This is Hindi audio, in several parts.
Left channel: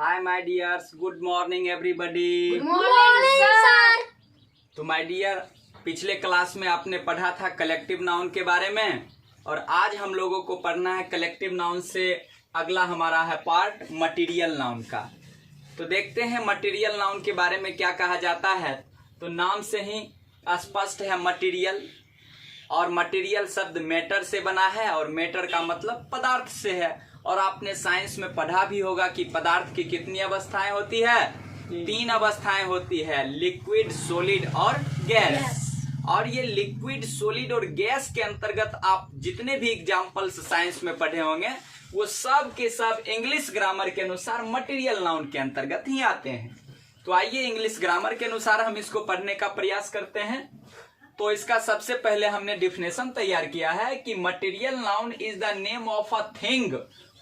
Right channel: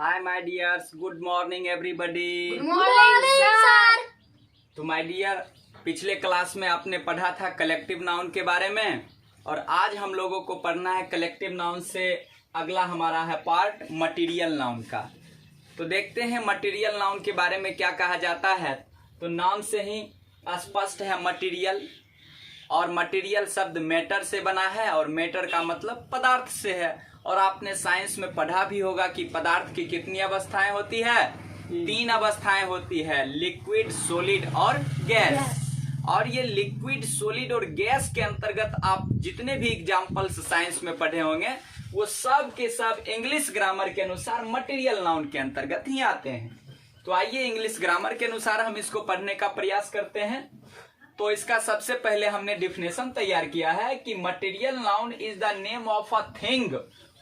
Hi my dears, good morning everybody. Good morning, sir. तो माय डियर, पिछले क्लास में आपने पढ़ा था कलेक्टिव नाउन के बारे में और आज हम लोगों को पढ़ना है कलेक्टिव नाउन से अगला हमारा है पार्ट मटेरियल नाउन का। तो देखते हैं मटेरियल नाउन के बारे में क्या कहा जाता है। तो नाम से ही स्पष्ट है मटेरियल, और मटेरियल शब्द मैटर से बना है और मैटर का मतलब पदार्थ से है। और आपने साइंस में पढ़ा भी होगा कि पदार्थ की कितनी अवस्थाएं होती है, 3 अवस्थाएं होती है, लिक्विड, सॉलिड और गैस। और ये लिक्विड, सॉलिड और गैस के अंतर्गत आप जितने भी एग्जाम्पल्स साइंस में पढ़े होंगे वो सब के सब इंग्लिश ग्रामर के अनुसार मटेरियल नाउन के अंतर्गत ही आते हैं। तो आइए इंग्लिश ग्रामर के अनुसार हम इसको पढ़ने का प्रयास करते हैं। तो इसका सबसे पहले हमने डिफिनेशन तैयार किया है कि material noun is the name of a thing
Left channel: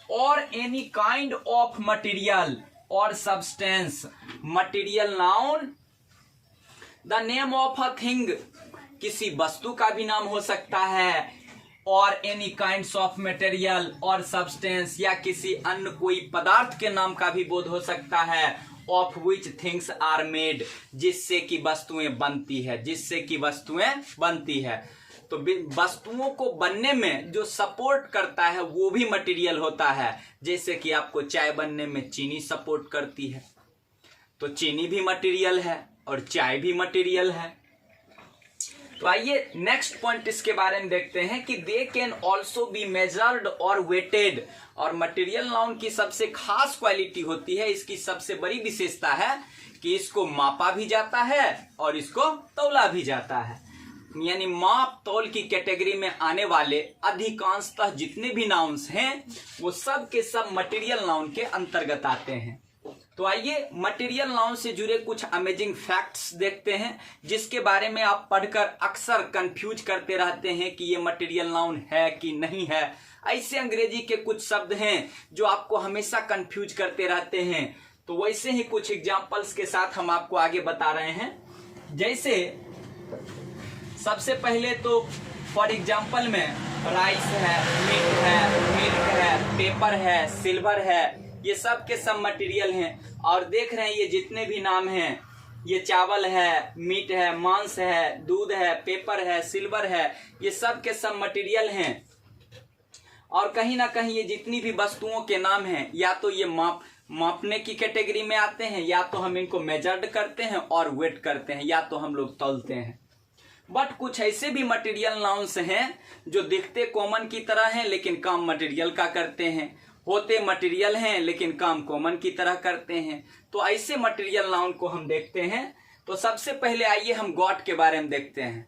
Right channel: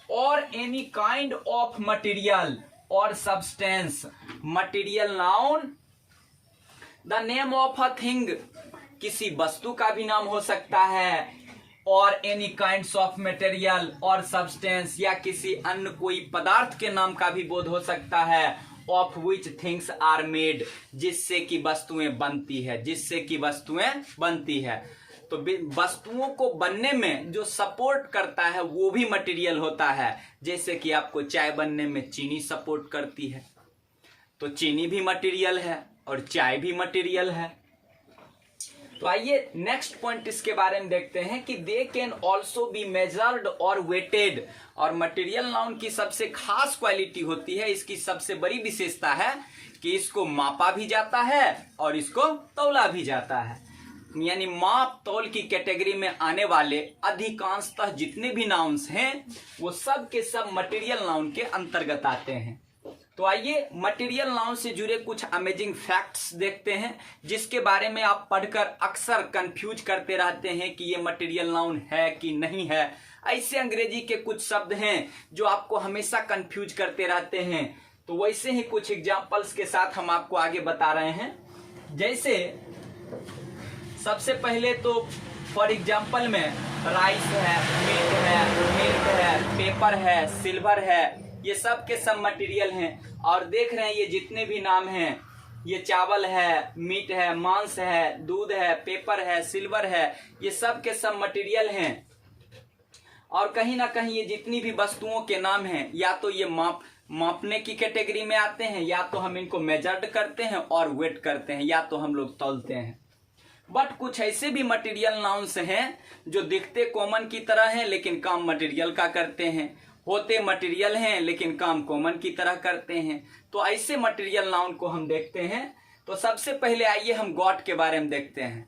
और एनी काइंड ऑफ मटेरियल और substance. Material noun the name of a thing, किसी वस्तु का भी नाम हो सकता है, और एनी काइंड्स ऑफ मटेरियल और सब्सटेंस, या किसी अन्य कोई पदार्थ के नाम का भी बोध हो सकता है। Of which things are made, जिससे कि वस्तुएं बनती है, जिससे कि वस्तुएं बनती है। तो वस्तुओं को बनने में जो सपोर्ट करता है वो भी मटेरियल होता है। जैसे कि आपको चाय बनने में चीनी सपोर्ट करती है, तो चीनी भी मटेरियल है और चाय भी मटेरियल है। तो आइए नेक्स्ट पॉइंट इसके बारे में देखते हैं कि they can also be measured और वेटेड। और मटेरियल नाउन की सबसे खास क्वालिटी होती है, इसकी सबसे बड़ी विशेषता है कि इसको मापा भी जाता है और इसको तौला भी जाता है। यानी माप तौल की कैटेगरी में आने वाले अधिकांशतः जितने भी नाउन्स हैं वो सब के सब मटेरियल नाउन के अंतर्गत आते हैं। तो आइए मटेरियल नाउन से जुड़े कुछ अमेजिंग फैक्ट्स देखते हैं, जिसके बारे में आप पढ़कर अक्सर कंफ्यूज करते रहते हैं कि ये मटेरियल नाउन है कि नहीं है। ऐसे अंग्रेजी के कुछ शब्द हैं जो आपको हमेशा कंफ्यूज करते रहते हैं। तो वैसे ही कुछ एग्जांपल्स के साथ हम आपको आगे बता रहे हैं। जैसे सबसे पहले तो फॉर एग्जांपल में राइस है, मीट है, मिल्क है, पेपर है, सिल्वर है, ये सब के सब मटेरियल हैं। और देख रहे हैं ये जितने भी नाम हैं, ये चावल है, मीट है, मांस है, दूध है, पेपर है, सिल्वर है, ये सब के सब मटेरियल हैं। और कहीं ना कहीं ये जितनी भी वस्तुओं के नाम हैं, या तो ये मापने की कैटेगरी में आते हैं, या तो हम इनको मेजर्ड करते हैं और वेट करते हैं, या तो हम लोग तौलते हैं। बट कुछ ऐसे भी मटेरियल नाउन्स हैं जो दिखते कॉमन की तरह हैं लेकिन काम मटेरियल का करते हैं, होते मटेरियल हैं लेकिन काम कॉमन की तरह करते हैं। तो ऐसे मटेरियल नाउन को हम देखते हैं। तो सबसे पहले आइए हम गॉट के बारे में देखते हैं।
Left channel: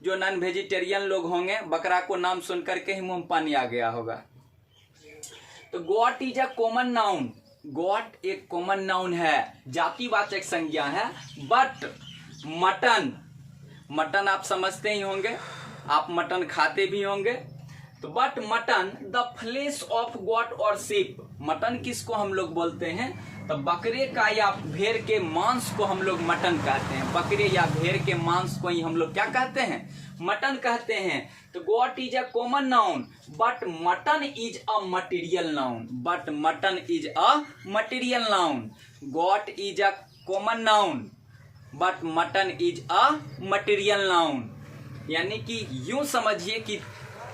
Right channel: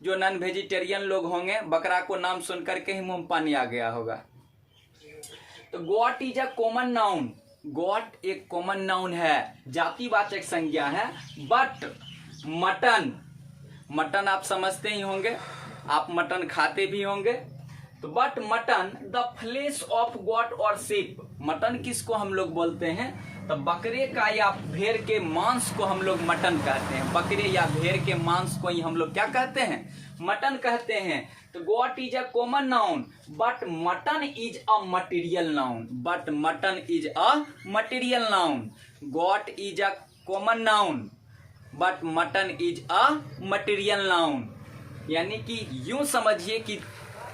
जो नॉन वेजिटेरियन लोग होंगे, बकरा को नाम सुनकर के ही मुंह में पानी आ गया होगा। तो got is a common noun. Got एक कॉमन नाउन है, जातिवाचक संज्ञा है। बट मटन आप समझते ही होंगे, आप मटन खाते भी होंगे। तो but mutton the flesh of goat और शीप, मटन किसको हम लोग बोलते हैं? तो बकरे का या भेड़ के मांस को हम लोग मटन कहते हैं। बकरे या भेड़ के मांस को ही हम लोग क्या कहते हैं? मटन कहते हैं। तो got is a common noun but mutton is a material noun. But mutton is a material noun. Got is a common noun but mutton is a material noun. यानी कि यूं समझिए कि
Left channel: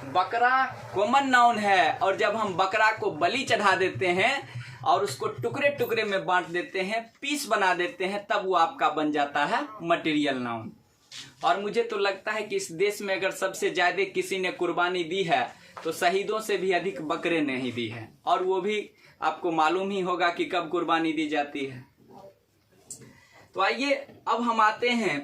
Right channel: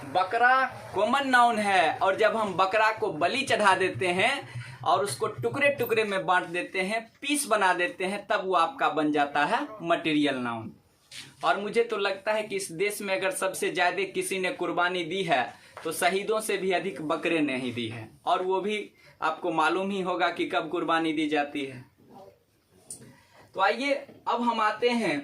बकरा कॉमन नाउन है, और जब हम बकरा को बलि चढ़ा देते हैं और उसको टुकड़े टुकड़े में बांट देते हैं, पीस बना देते हैं, तब वो आपका बन जाता है मटेरियल नाउन। और मुझे तो लगता है कि इस देश में अगर सबसे ज्यादा किसी ने कुर्बानी दी है तो शहीदों से भी अधिक बकरे ने ही दी है। और वो भी आपको मालूम ही होगा कि कब कुर्बानी दी जाती है। तो आइए अब हम आते हैं,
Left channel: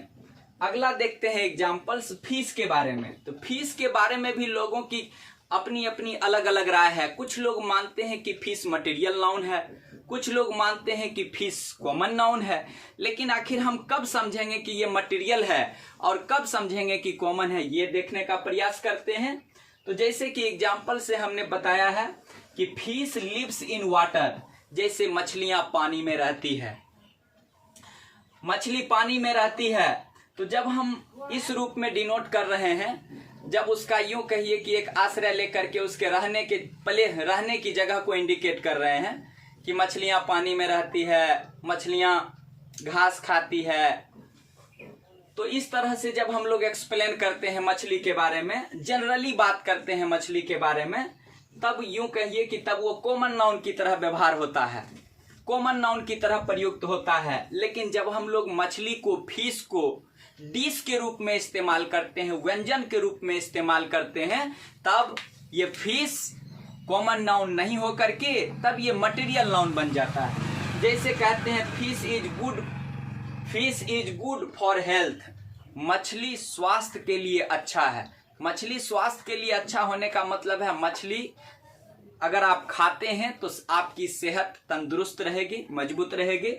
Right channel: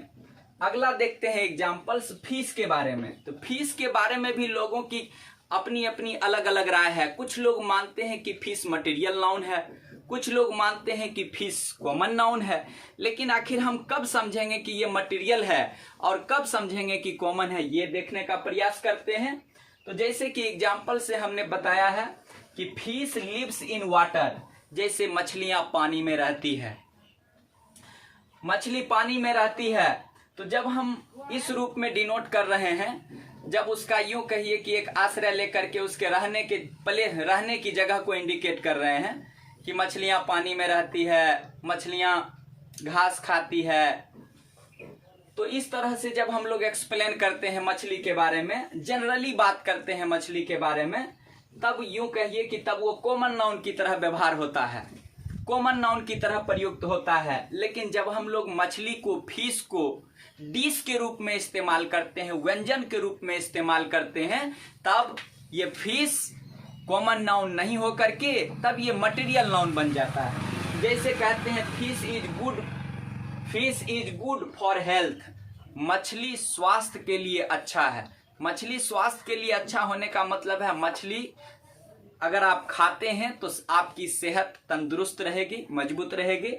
अगला देखते हैं एग्जाम्पल्स फीस के बारे में। तो फीस के बारे में भी लोगों की अपनी अपनी अलग अलग राय है। कुछ लोग मानते हैं कि फीस मटेरियल नाउन है, कुछ लोग मानते हैं कि फीस कॉमन नाउन है। लेकिन आखिर हम कब समझेंगे कि ये मटेरियल है और कब समझेंगे कि कॉमन है, ये देखने का प्रयास करते हैं। तो जैसे कि एग्जाम्पल से हमने बताया है कि फीस लिव्स इन वाटर, जैसे मछलियां पानी में रहती है, मछली पानी में रहती है। तो जब हम इस रूप में डिनोट कर रहे हैं, जब उसका यूं कहिए कि एक आश्रय लेकर के उसके रहने की जगह को इंडिकेट कर रहे हैं कि मछलियां पानी में रहती है, मछलियां घास खाती है। तो इस तरह से जब हम लोग एक्सप्लेन करते हैं मछली के बारे में, जनरली बात करते हैं मछली के बारे में, तब यूं कहिए कि तब वो कॉमन नाउन की तरह व्यवहार होता है, कॉमन नाउन की तरह प्रयुक्त होता है। लेकिन जब हम लोग मछली को, फिश को डिश के रूप में इस्तेमाल करते हैं, व्यंजन के रूप में इस्तेमाल करते हैं, तब ये फिश कॉमन नाउन नहीं होकर के तब ये मटेरियल नाउन बन जाता है। जैसे कहते हैं fish is good for health, मछली स्वास्थ्य के लिए अच्छा है। मछली स्वास्थ्य के लिए अच्छा होने का मतलब है मछली अगर आप खाते हैं तो आपकी सेहत तंदुरुस्त रहेगी, मजबूत रहेगी।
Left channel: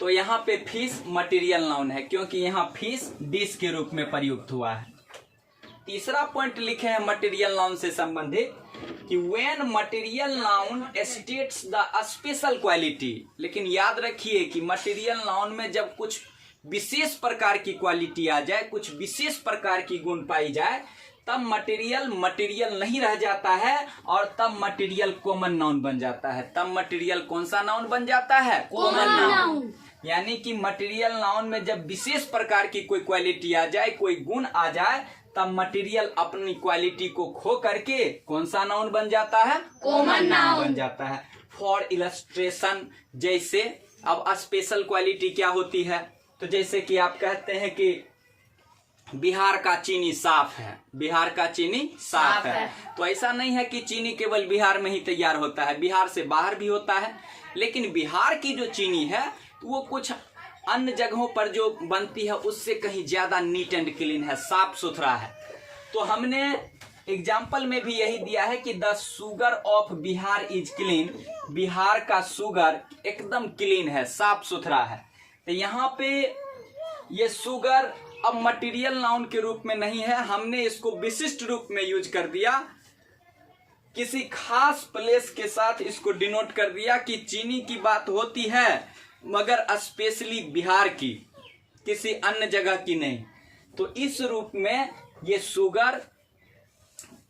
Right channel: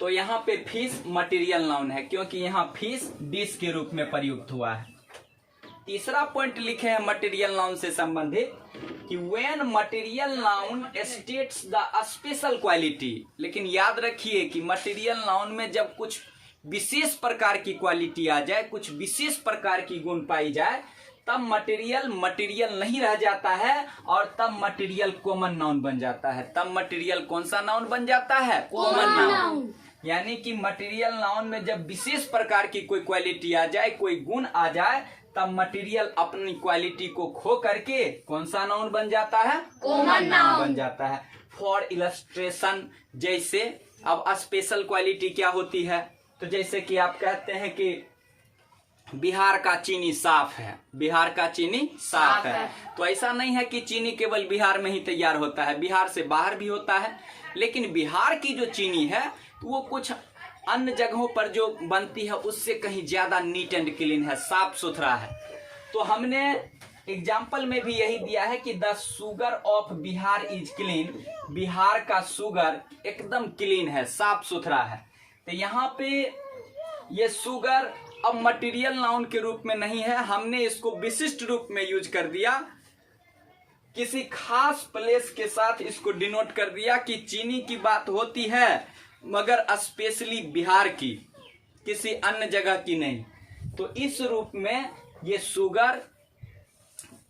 तो यहाँ पे फिश मटेरियल नाउन है क्योंकि यहाँ फिश डिश के रूप में प्रयुक्त हुआ है। तीसरा पॉइंट लिखे हैं मटेरियल नाउन से संबंधित कि when material noun states the special quality. लेकिन याद रखिए कि मटेरियल नाउन में जब कुछ विशेष प्रकार की क्वालिटी आ जाए, कुछ विशेष प्रकार की गुण पाई जाए, तब मटेरियल नहीं रह जाता है और तब मटेरियल कॉमन नाउन बन जाता है। तब मटेरियल कौन सा नाउन बन जाता है? Common noun. यानी कि मटेरियल नाउन में जब विशेष प्रकार की कोई क्वालिटी आ जाए, कोई गुण आ जाए, तब मटेरियल अपनी क्वालिटी को खो करके कौन सा नाउन बन जाता है? कॉमन नाउन बन जाता है। फॉर इलस्ट्रेशन, जैसे अब स्पेशल क्वालिटी क्या होती है? तो जैसे कि आप कहते हैं कि बिहार का चीनी साफ है, बिहार का चीनी साफ है। तो ऐसा नहीं है कि चीनी केवल बिहार में ही तैयार होता है, बिहार से बाहर भी होता है। लेकिन बिहार की जो चीनी है वो कुछ अन्य जगहों पर जो बनती है उससे कहीं ज्यादा नीट एंड क्लीन है, साफ सुथरा है। तो हमने एग्जाम्पल में भी यही दिया है कि the sugar of Bihar is clean, Bihar का शुगर एकदम क्लीन है, साफ सुथरा है। तो यहाँ पे ये शुगर अब मटेरियल नाउन के रूप में नहीं है, हमने इसको विशिष्ट रूप में यूज कर दिया, किसी खास प्लेस के साथ इसको डिनोट कर दिया कि चीनी की बात होती है मगर स्पेशली बिहार की, किसी अन्य जगह की नहीं। तो इस रूप में ये शुगर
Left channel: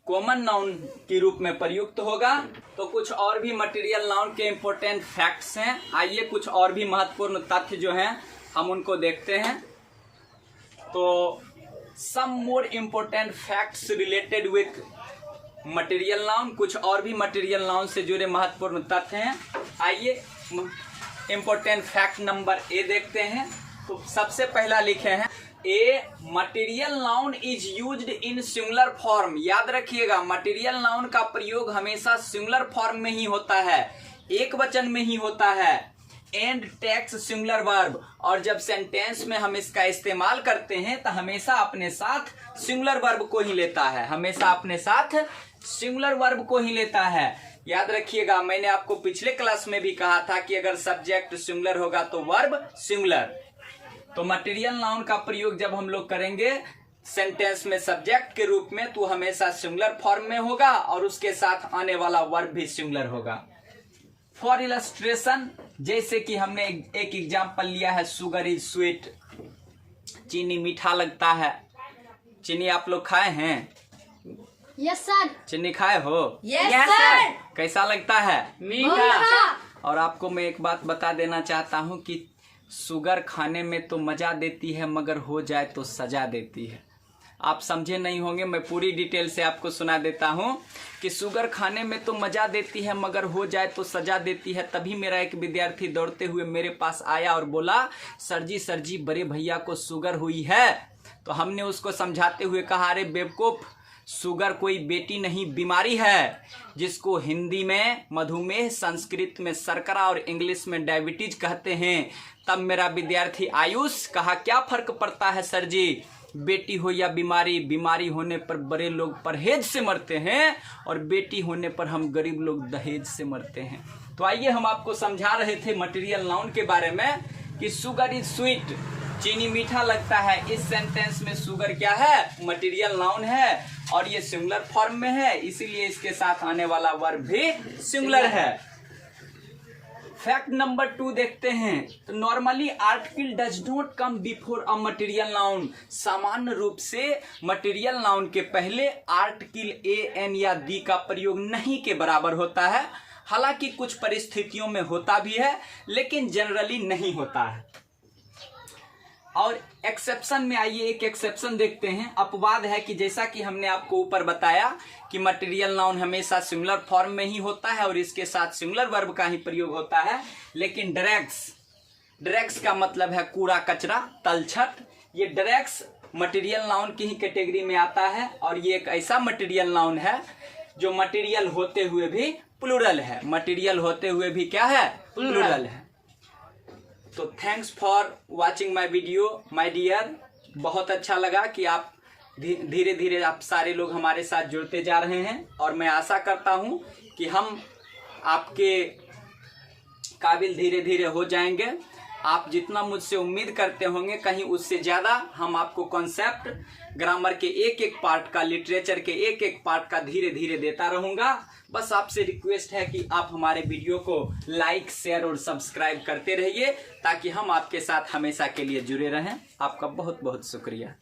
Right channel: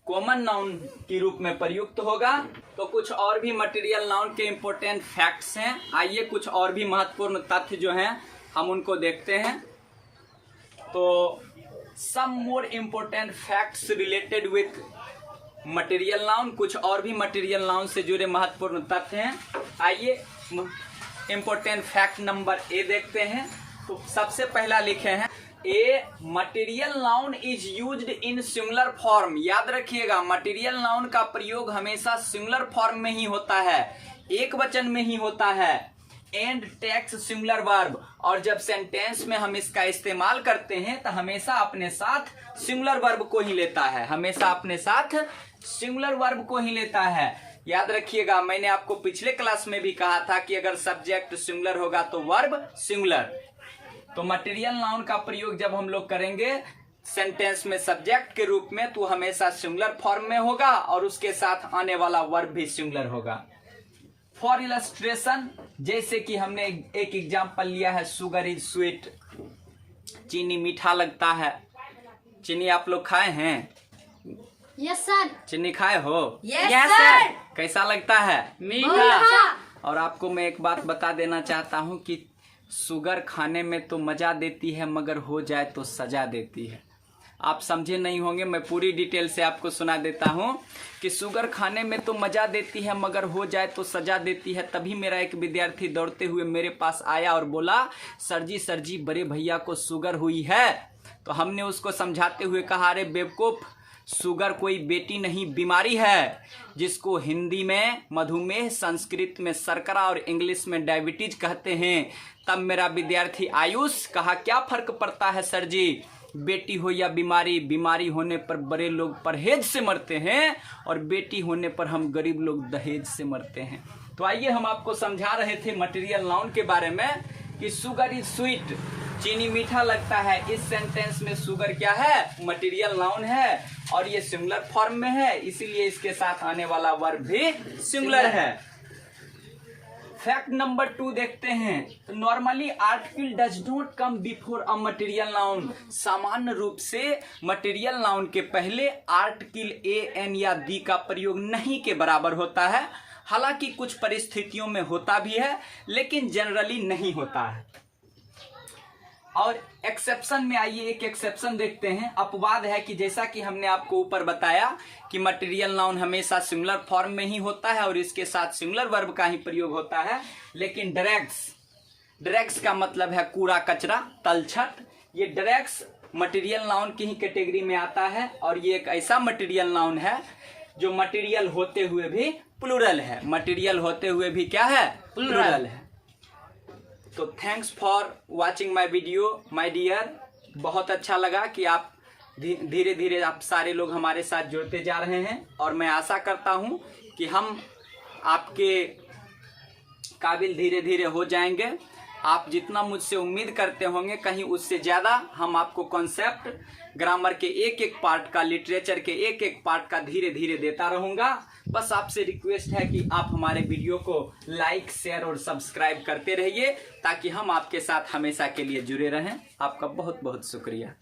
कॉमन नाउन के रूप में प्रयुक्त होगा। तो कुछ और भी मटेरियल नाउन के इंपॉर्टेंट फैक्ट्स हैं, आइए कुछ और भी महत्वपूर्ण तथ्य जो हैं हम उनको देखते हैं। तो some more important facts related with material noun, कुछ और भी मटेरियल नाउन से जुड़े महत्वपूर्ण तथ्य हैं। आइए इम्पोर्टेंट फैक्ट नंबर ए देखते हैं। तो सबसे पहला लिखे हैं a material noun is used in singular form. याद रखिएगा मटेरियल नाउन का प्रयोग हमेशा सिंगुलर फॉर्म में ही होता है, एक वचन में ही होता है। एंड टेक्स सिंगुलर वर्ब, और जब सेंटेंस में हम इसका इस्तेमाल करते हैं तो हमेशा अपने साथ सिंगुलर वर्ब को ही लेता है, हमेशा अपने साथ सिंगुलर वर्ब को ही लेता है। याद रखिएगा मैंने आपको पिछले क्लास में भी कहा था कि अगर सब्जेक्ट सिंगुलर होगा तो वर्ब सिंगुलर। तो मटेरियल नाउन का प्रयोग जब हम लोग करेंगे सेंटेंस में सब्जेक्ट के रूप में तो हमेशा सिंगुलर फॉर्म में होगा और उसके साथ आने वाला वर्ब भी सिंगुलर होगा। फॉर इलस्ट्रेशन, जैसे कि हमने एक एग्जाम्पल लिया है शुगर इज स्वीट, चीनी मीठा लगता है। चीनी आप लोग खाए हैं? Yes sir. चीनी खाए हो? Yes sir. कैसा लगता है? मीठा। और आपको मैं एक बात बता देना चाहता हूँ कि शुगर खाने में तो मजा देती है मगर हो जाए तो सजा देती है। आप समझे नहीं होंगे, मैं पूरी डिटेल से आपको सुना देता हूँ कि शुगर खाने में तो मजा देती है मगर हो जाए तो सजा देती है। तभी मेरा एक विद्यार्थी दौड़ते हुए मेरे पास आया और बोला सर जी बड़े भैया को शुगर हुई है। तो हमने उसको समझाते हुए कहा अरे बेवकूफ, शुगर कोई बेटी नहीं बीमारी है, जिसको हिंदी में मधुमेह, संस्कृत में शर्करा और इंग्लिश में डायबिटीज कहते हैं। तब मेरा विद्यार्थी आयुष कहा क्या फर्क पड़ता है सर जी, बेटी हो या बीमारी, बीमारी होने पर बड़े लोग परहेज से मरते हैं और बेटी होने पर हम गरीब लोग दहेज से मरते हैं। तो आइए हम आपको समझा रहे थे मटेरियल नाउन के बारे में कि शुगर इज स्वीट, चीनी मीठा लगता है। इस सेंटेंस में शुगर क्या है? मटेरियल नाउन है और ये सिंगुलर फॉर्म में है, इसीलिए इसके साथ आने वाला वर्ब भी सिंगुलर है। फैक्ट नंबर 2 देखते हैं। तो normally article does not come before a material noun. सामान्य रूप से मटेरियल नाउन के पहले आर्टिकल ए, एन या दी का प्रयोग नहीं के बराबर होता है। हालांकि कुछ परिस्थितियों में होता भी है, लेकिन जनरली नहीं होता है। और एक्सेप्शन में आइए एक एक्सेप्शन देखते हैं। अपवाद है कि जैसा कि हमने आपको ऊपर बताया कि मटेरियल नाउन हमेशा सिंगुलर फॉर्म में ही होता है और इसके साथ सिंगुलर वर्ब का ही प्रयोग होता है, लेकिन डायरेक्ट्स का मतलब है कूड़ा कचरा, तलछट। ये डायरेक्ट्स मटेरियल नाउन की ही कैटेगरी में आता है और ये एक ऐसा मटेरियल नाउन है जो मटेरियल होते हुए भी प्लूरल है। मटेरियल होते हुए भी क्या है? प्लूरल है। तो thanks for watching my video my dear. बहुत अच्छा लगा कि आप धीरे धीरे आप सारे लोग हमारे साथ जुड़ते जा रहे हैं और मैं आशा करता हूं कि हम आपके काबिल धीरे धीरे हो जाएंगे। आप जितना मुझसे उम्मीद करते होंगे कहीं उससे ज़्यादा हम आपको कॉन्सेप्ट, ग्रामर के एक एक पार्ट का, लिटरेचर के एक एक पार्ट का धीरे धीरे देता रहूँगा। बस आपसे रिक्वेस्ट है कि आप हमारे वीडियो को लाइक, शेयर और सब्सक्राइब करते रहिए ताकि हम आपके साथ हमेशा के लिए जुड़े रहें। आपका बहुत बहुत शुक्रिया।